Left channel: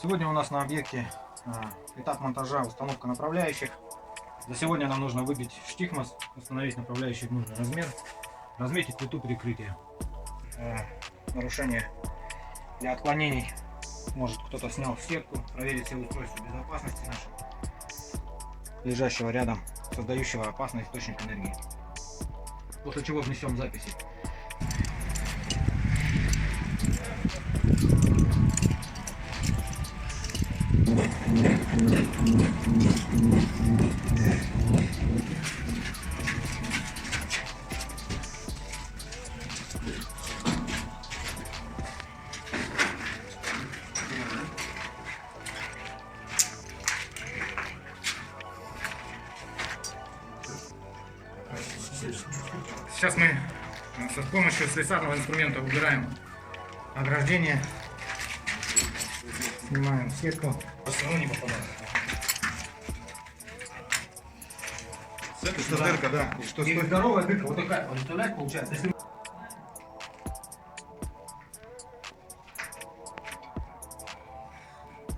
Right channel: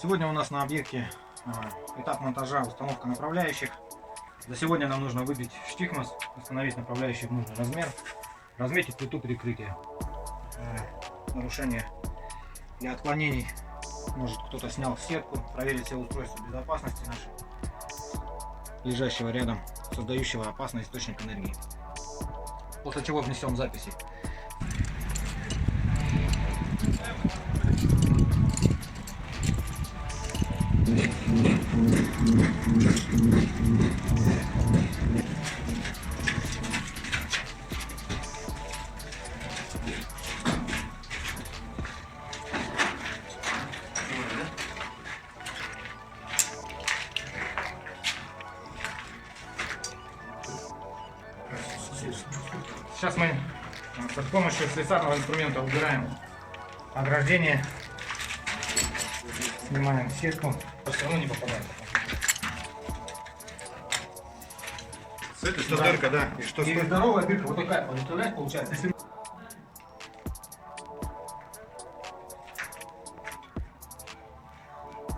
Сегодня у нас на объекте этап монтажа, установка направляющих. За сегодня нам нужно выбить штихмас, установить направляющие в нужный размер, разметить плиту перекрытия. Нарушение для отклонений. Может, кто-то снял сетку, проверить все устройства безопасности нашего, лежащего рядом, создающего опасный источник энергии. После чего внесем записи. Сейчас мы с помощью слесарного инструмента убираем ограждение, снимаем сетку, все равно не попадает. С этой что, да, дырка, да? И что? И здоровая дырка, вот такая, представляете, получается. Если...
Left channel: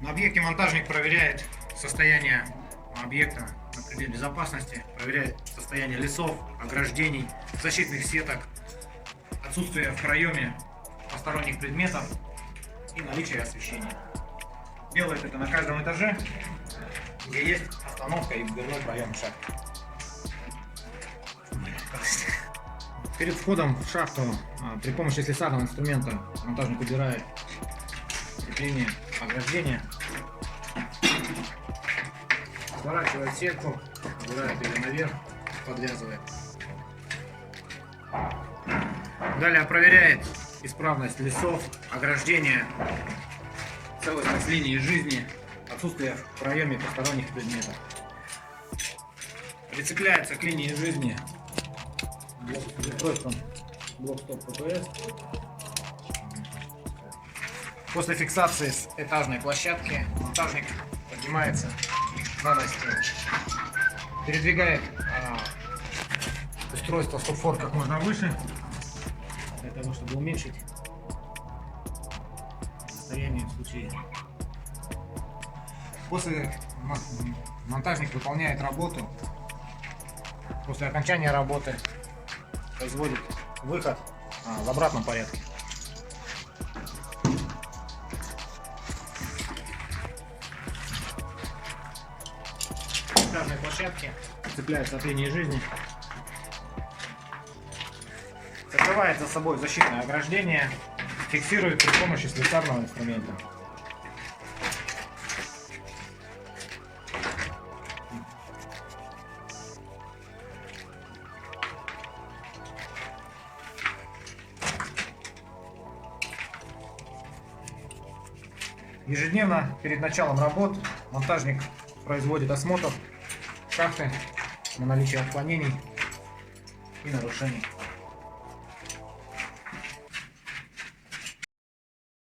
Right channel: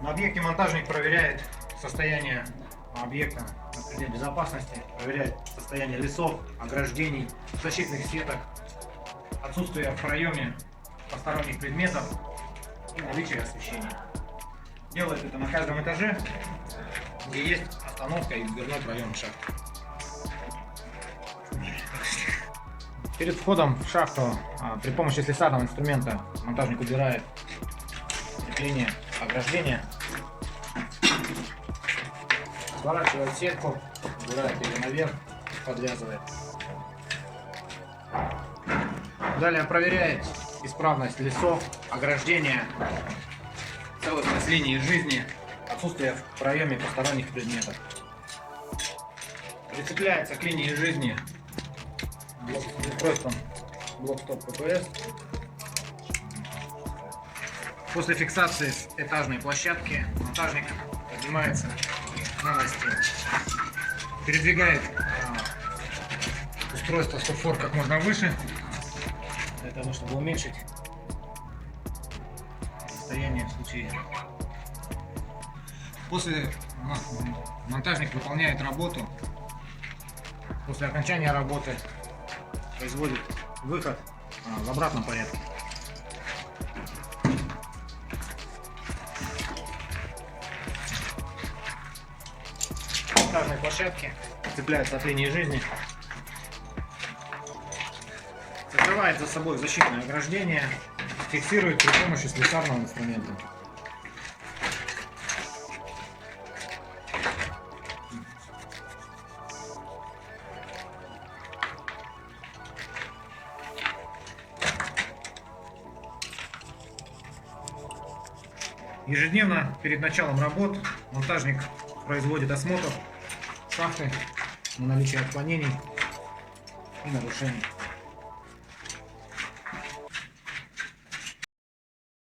На объекте монтажник проверяет состояние объекта на предмет безопасности, проверяет состояние лесов, ограждений, защитных сеток, отсутствие в проеме посторонних предметов и наличие освещения. Делает это на каждом этаже, где есть остановка и дверной проем шахты. Перед входом в шахту при помощи слесарного инструмента монтажник убирает линии ограждения, сворачивает сетку, убирает ее наверх, подвязывает. Далее проверяет исправность лесов, ограждения, целостность линии жизни, отсутствие в проеме посторонних предметов. Прицепляется к линии жизни устройством блок-стоп ППС. После фиксации с этажной площадки монтажник поднимается на настил, передвигает устройство стоп-фор как можно выше, для того, чтобы уменьшить состояние в случае. После монтажник выполняет работу. После окончания работы производит выход в обратном порядке. Монтажные площадки цепляются от линии жизни, закрывает за собой защитное ограждение, фиксирует при помощи слесарного инструмента. Ежедневно перед началом работ монтажник производит осмотр шахты на наличие отклонений и нарушений.